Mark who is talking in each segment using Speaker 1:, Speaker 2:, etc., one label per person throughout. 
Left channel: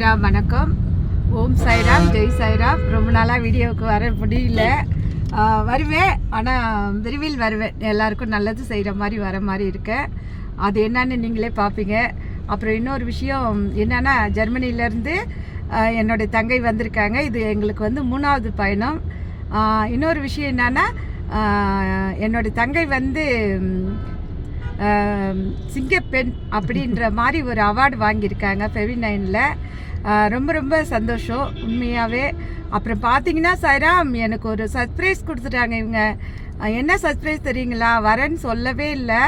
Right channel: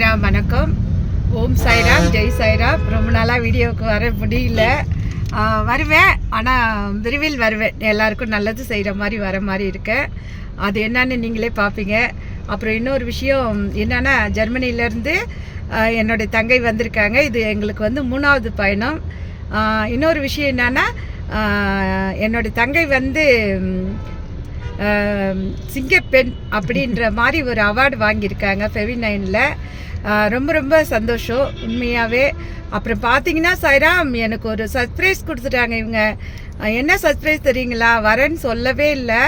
Speaker 1: சாய்ராம் வணக்கம் ஓம் சாய்ராம் ஜெய் சாய்ராம் ரொம்ப நாளாக வீடியோவுக்கு வர முடியல வருவேன் ஆனால் விரைவில் வருவேன் எல்லாருக்கும் நல்லது செய்கிற மாதிரி வர மாதிரி இருக்கேன் அது என்னன்னு நீங்களே பார்ப்பீங்க அப்புறம் இன்னொரு விஷயம் என்னென்னா ஜெர்மனியிலேருந்து என்னுடைய தங்கை வந்திருக்காங்க இது எங்களுக்கு வந்து மூணாவது பயணம் இன்னொரு விஷயம் என்னென்னா என்னுடைய தங்கை வந்து சிங்கப்பெண் அப்படின்ற மாதிரி ஒரு அவார்டு வாங்கியிருக்காங்க ஃபெவி நைனில் ரொம்ப ரொம்ப சந்தோஷம் உண்மையாகவே அப்புறம் பார்த்தீங்கன்னா சைராம் எனக்கு ஒரு சர்ப்ரைஸ் கொடுத்துட்டாங்க இவங்க என்ன சர்ப்ரைஸ் தெரியுங்களா வரேன்னு சொல்லவே இல்லை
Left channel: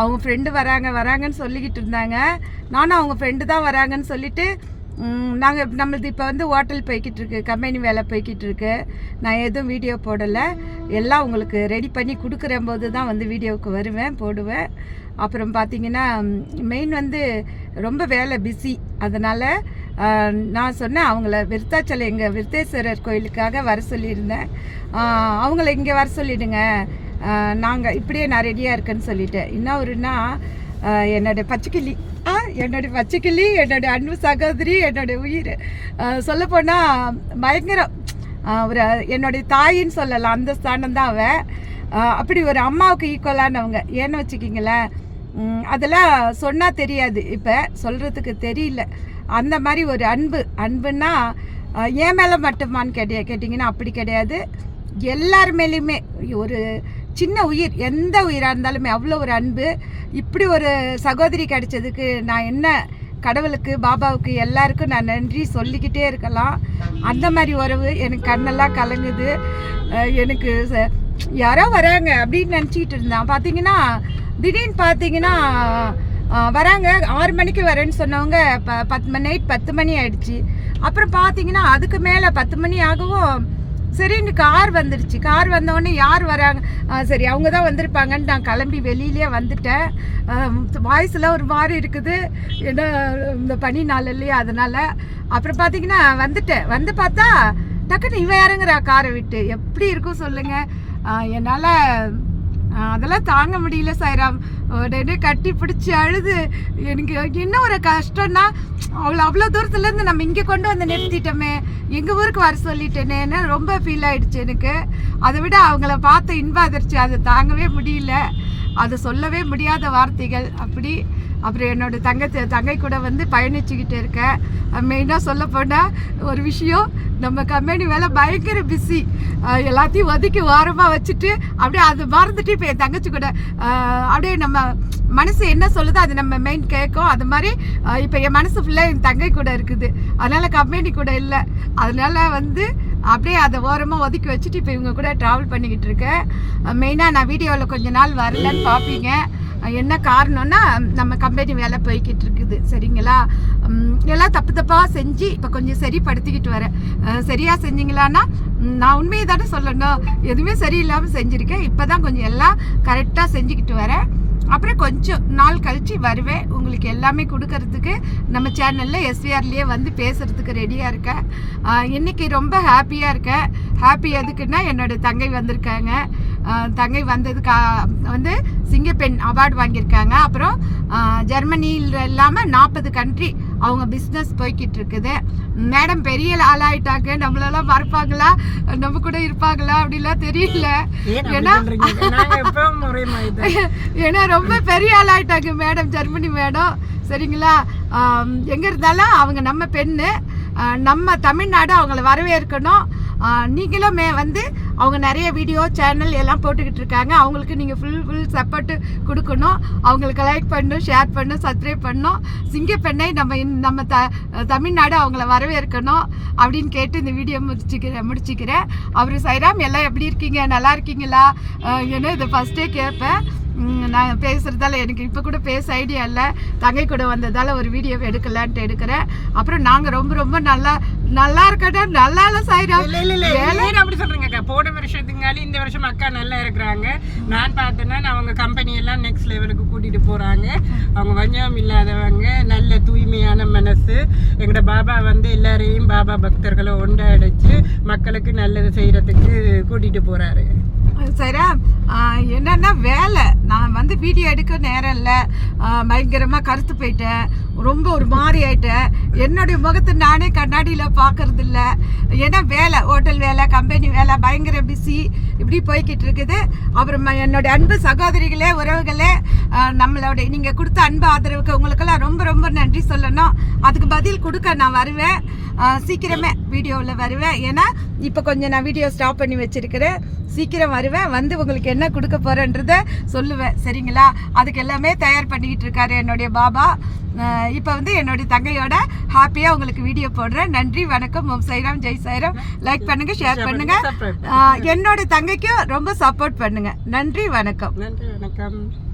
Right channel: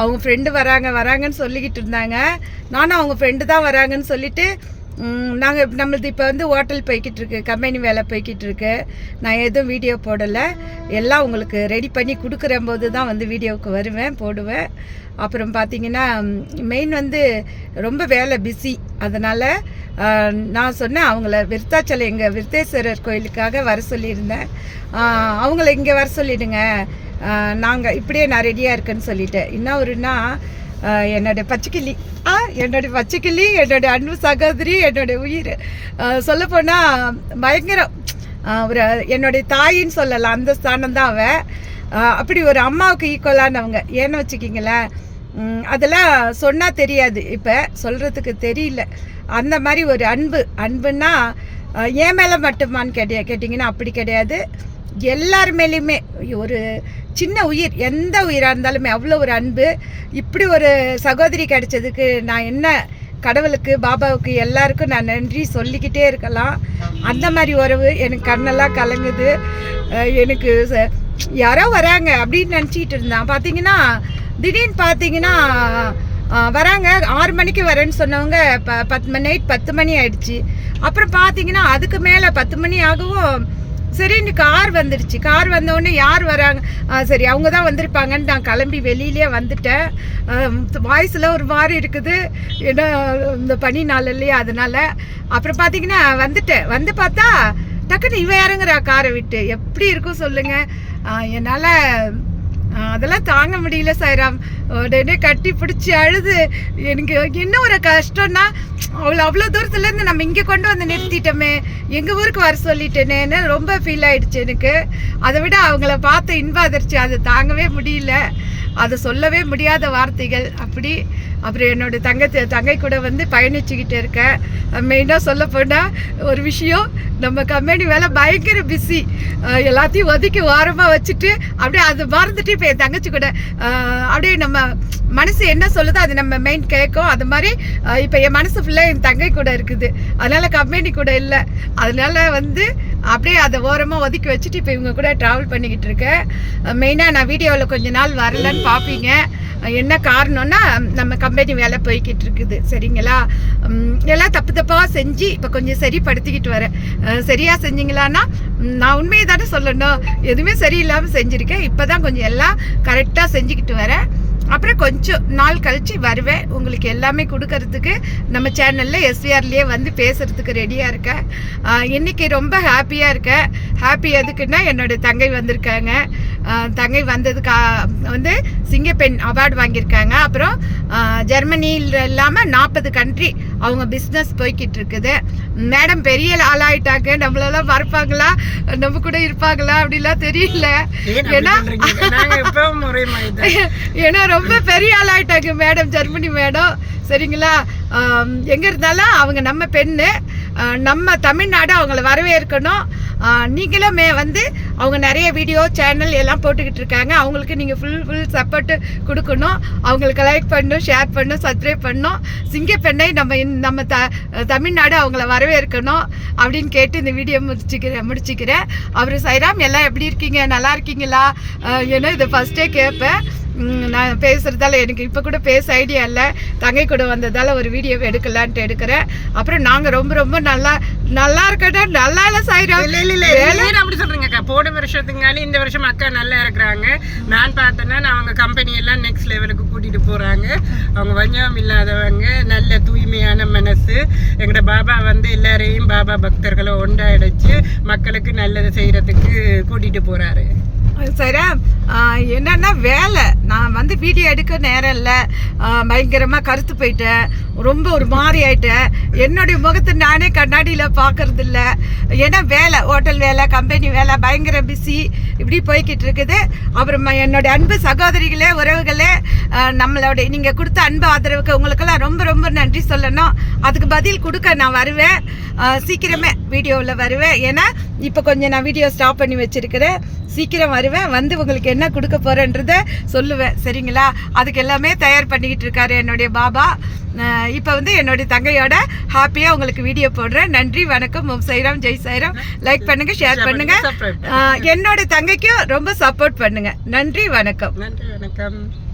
Speaker 1: அவங்க ஃப்ரெண்டு வராங்க வராங்கன்னு சொல்லிக்கிட்டு இருந்தாங்க நானும் அவங்க ஃப்ரெண்டு தான் வராங்கன்னு சொல்லிட்டு நாங்கள் நம்மளது இப்போ வந்து ஹோட்டல் போய்கிட்டு இருக்கு கம்பெனி வேலை போய்கிட்டு இருக்கு நான் எதுவும் வீடியோ போடலை எல்லாம் உங்களுக்கு ரெடி பண்ணி கொடுக்குற போது தான் வந்து வீடியோவுக்கு வருவேன் போடுவேன் அப்புறம் பார்த்தீங்கன்னா மெயின் வந்து ரொம்ப வேலை பிஸி அதனால் நான் சொன்னேன் அவங்கள விருத்தாச்சலை எங்கள் விருத்தேஸ்வரர் கோயிலுக்காக வர சொல்லியிருந்தேன் அவங்கள இங்கே வர சொல்லிடுங்க நாங்கள் இப்படியே நான் ரெடியாக இருக்கேன்னு சொல்லிட்டேன் இன்னும் ஒருன்னா என்னோட பச்சைக்கிளி ஆ என்னோடய பச்சைக்கிளி என்னோடய அன்பு சகோதரி என்னோடய உயிர் சொல்லப்போனால் பயங்கரம் ஒரு என்னுடைய தாயின்னு சொல்லலாம் அந்த ஸ்தானம் தான் அவள் அப்படி ஒரு அம்மாவுக்கு ஈக்குவலானவங்க ஏன்னு வச்சுக்கிங்களேன் அதெல்லாம் சொன்னால் தெரியாது இப்போ சொல்கிறதுக்கு தெரியல அந்த மாதிரி ஒரு அன்பு அன்புன்னா ஏன் மேலே மட்டுமான்னு கேட்டிய கேட்டிங்கன்னா அப்படி கிடையாது எல்லார் மேலேயுமே ஒரு சின்ன உயிர் எந்த உயிராக இருந்தாலுமே அவ்வளோ ஒரு அன்பு இப்படி ஒரு சகோதரி கிடைச்சதுக்கு நான் என்ன கடவுளுக்கு பாபாவுக்கு எல்லாருக்கும் நான் நன்றி சொல்லிக்கிட்டே இருக்கலாம் அந்த மாதிரி உறவு எனக்கு கண்ணெல்லாம் கலங்குது எனக்கு யாரோ வராங்க அப்படின்னு நினச்சிக்கிட்டு இருந்தான் பார்த்தீங்கன்னா திடீர்னு பார்த்தீங்கன்னா வராங்க ஆறு மணிக்கு வரேன்னு சொன்னவங்க இப்போ பத்து மணி நைட் பத்து மணி ஆயிடுச்சு அப்புறம் பார்த்தீங்கன்னா அதுக்கு மேலே பத்து மணி ஆகவும் சரி இன்னைக்கு கார் வந்துடுச்சு கார் வந்தவுடனே யார் வராங்க சரி அவங்க தான் வந்திருப்பாங்கன்னு நான் கிளம்பி வெளியிலேயே வந்துட்டேன் வாய்ஸில் ஒரு மாதிரி இருக்குது ஏன்னா இந்த பனி நாள் இல்லையா அதனால் அப்புறம் பார்த்தீங்கன்னா வந்துட்டேன் வந்து பார்த்தா டக்குன்னு இவன் இறங்குறா காரை விட்டு எப்படி இருக்கும் சொல்லுங்கள் என்னால் அதெல்லாம் தாங்க முடியல சாய்ராம் உடனே கட்டி பிடிச்சி அழுது எனக்கு இன்னும் ஒரு கஷ்டம்னா அவ்வளோ அவ்வளோ தூரத்துலேருந்து நம்ம இங்கே கொண்டு வந்து நிறுத்திட்டோமே எங்கள் ஊருக்கு வர சொல்லிட்டேனேன்னு ரொம்ப ஃபீல் ஆயிடுச்சு எனக்கு அதை விட அவங்கள பார்த்து இன்ப அதை தாங்கவே முடியல அதை சொல்லவே முடியாத வார்த்தைகள் அப்படி அப்புறம் என்னோடய தங்கச்சி தங்கை கூட வந்து பயணிச்சுக்கிட்டு இருக்கேன் மெயினாக சொல்ல போனால் ஒரு விஷயம் நம்ம கம்பெனி வேலை பயங்கர பிஸி எல்லாத்தையும் ஒதுக்கி ஓரமாக வச்சுட்டு அப்படியே அது மறந்துட்டு இப்போ என் தங்கச்சி கூட அப்படியே நம்ம மனசு என்ன சொல்லுதோ அது நம்ம மெயின் கேட்கும் அது மாதிரி இப்போ என் மனசு ஃபுல்லாக என் தங்கை கூட இருக்குது அதனால் கம்பெனி கூட இல்லை அதனால் வந்து அப்படியே அதை ஓரமாக ஒதுக்கி வச்சுட்டு இப்போ இவங்க கூட ட்ராவல் பண்ணிக்கிட்டு இருக்கேன் மெயினாக நான் வீடியோவில் கொஞ்ச நாள் வரலன்னு பார்ப்பீங்க என்ன காரணம்னா நம்ம கம்பெனி வேலை போய்கிட்டு இருக்குது சரிங்களா எல்லாம் தப்பு தப்பாக செஞ்சு இப்போ கொஞ்சம் சரிப்படுத்திக்கிட்டு வரேன் சரியாக செஞ்சீங்களான்னா நான் உண்மையை தானே சொல்லணும் எதுவுமே சரியில்லாமல் செஞ்சுருக்கேன் இப்போ தான் கொஞ்சம் எல்லாம் கரெக்டாக செஞ்சுக்கிட்டு வரேன் அப்புறம் கொஞ்சம் நாள் கழித்து வருவேன் உங்களுக்கு எல்லாமே கொடுக்கறதுக்கு நம்ம சேனலில் எஸ்விஆர்லேயே வந்து பேசுகிறதுக்கு ரெடியாக இருக்கேன் இன்றைக்கி ரொம்ப ஹாப்பியாக இருக்கேன் ஹாப்பி எதுக்குன்னா என்னோடய தங்கை வந்திருக்காங்க தங்கை வந்ததுக்கா வந்து சிங்கப்பெண் அவார்டு வாங்கியிருக்காங்க அப்புறம் ஜெர்மனியில் இல்லாமல் நாற்பது கண்ட்ரி அவங்க பிஸ்னஸ் போய்கிட்டு இருக்குது மேடம் பெரிய ஆளாயிட்டாங்க நம்மளெல்லாம் வரப்பாங்களா நம்ம கூட இருப்பாங்களா அப்படிலாம் தெரியல
Speaker 2: ஏன்னா
Speaker 1: ஏன்னா ரொம்ப பெரிய ஆளாயிட்டாங்க மேடம் ஜெர்மனி மேடம் சரிங்களா எங்கே இருந்தாலும் அவங்க நம்ம பெண்ணு நம்ம தமிழ்நாடு அவங்கள வரவேற்கணும் நீங்களுமே வந்து அவங்க நிறைய வீடியோ சேனல் எல்லாம் போட்டுக்கிட்டு இருக்காங்க அவங்களுக்கு நீங்கள் ஃபுல் ஃபுல் சப்போர்ட்டு கொடுக்கணும் அவங்களுக்கு லைக் பண்ணும் ஷேர் பண்ணும் சப்ஸ்கிரைப் பண்ணும் சிங்கப்பெண்ணை நம்ம நம்ம த தமிழ்நாடு அவங்கள வரவேற்கணும் அப்படின்னு கேட்டு இந்த வீடியோ முடிச்சுக்கிறேன் முடிச்சுக்கிறேன் அவர் சைராம் எல்லாம் எப்படி இருக்கீங்க நல்லா இருக்கீங்களா ஏன்னா இதை ஃபஸ்ட்டே கேட்பேன் நான் பேசுகிறதால எனக்கு இப்போ கூட பேச ஐடியா இல்லை தங்கை கூட வந்ததால் ஒரு வீடியோ எடுக்கலான்ட்டு எடுக்கிறேன் அப்புறம் நாங்கள் ரொம்ப ரொம்ப நல்லா நல்லா இருக்கட்டா நல்லா இல்லை சாயிரம்
Speaker 2: இல்லை இல்லை இல்லை அப்படி சொல்கிறீங்க அக்கா போன வருஷத்துங்காலும் இந்த வருஷம் அக்கா நல்லா இருக்கிறாங்க நான் பார்த்தேன்னா நான் அவங்க கம்பெனியெல்லாம் நெக்ஸ்ட் லெவலுக்கு கூட்டிகிட்டு போகிறாங்க அவங்க வஞ்சம் இல்லாதவங்க நல்ல தூய்மையான மனசு எங்களோட பாபா வந்து எல்லாரையும் பாபா பக்தர்களை ஒன்றாயிடுச்சு மக்களுக்கு நல்லது செய்கிறதுக்கு கூட்டிகிட்டு போகிறாரு
Speaker 1: சரியா என்னென்னா வேலை நான் வந்து வீடியோ எடுக்க நேரம் இல்லை பயங்கரமாக கருத்து போயிட்டேன் ரொம்ப ஒரு மாதிரி ஆயிட்டேன் என்னுடைய முகத்தை நானே கண்ணாடியில் பார்க்கறது இல்லை ஏன்னா வேலை ஹோட்டல் வேலை கம்பெனி வேலை பயங்கர பிஸி இப்படி போய்கிட்டு இருக்குது அப்புறம் என்னுடைய அன்பு சகோதரிகளே உறவுகளே நம்மளோட நீங்கள் கொடுத்த அன்பு ஆதரவுக்கு உங்களுக்கெல்லாம் ரொம்ப ரொம்ப நன்றி சொல்லணும் அதுக்கு பதில் கொடுக்க நான் வருவேன் சீக்கிரமே வீடியோவில் வருவேன் ஏன்னா இப்போ கொஞ்சம் நான் வீடியோ ஸ்டாப் பண்ணி வச்சுருக்கிறேன் சீக்கிரம் வருவேன் வந்து உங்களுக்கு என்ன கொடுக்க போகிறேன்றத சொல்லுவேன் சரிங்களா அதுக்கு எல்லாமே தயார் பண்ணிக்கிட்டு இருக்காரு என்னுடைய பாபா இப்போ வந்து என்னுடைய தங்கையோட ஹாப்பியாக உங்களுக்கு வீடியோ போடுறேன் நன்றி வணக்கம் ஓம் சைராம் ஜெய் சைராம் லைக் பண்ணுங்கள் ஷேர் பண்ணுங்கள் என்னோட தங்கைக்கும் ரொம்ப சப்போர்ட் பண்ணுங்கள் நன்றி வணக்கம்
Speaker 2: நன்றி வணக்கம்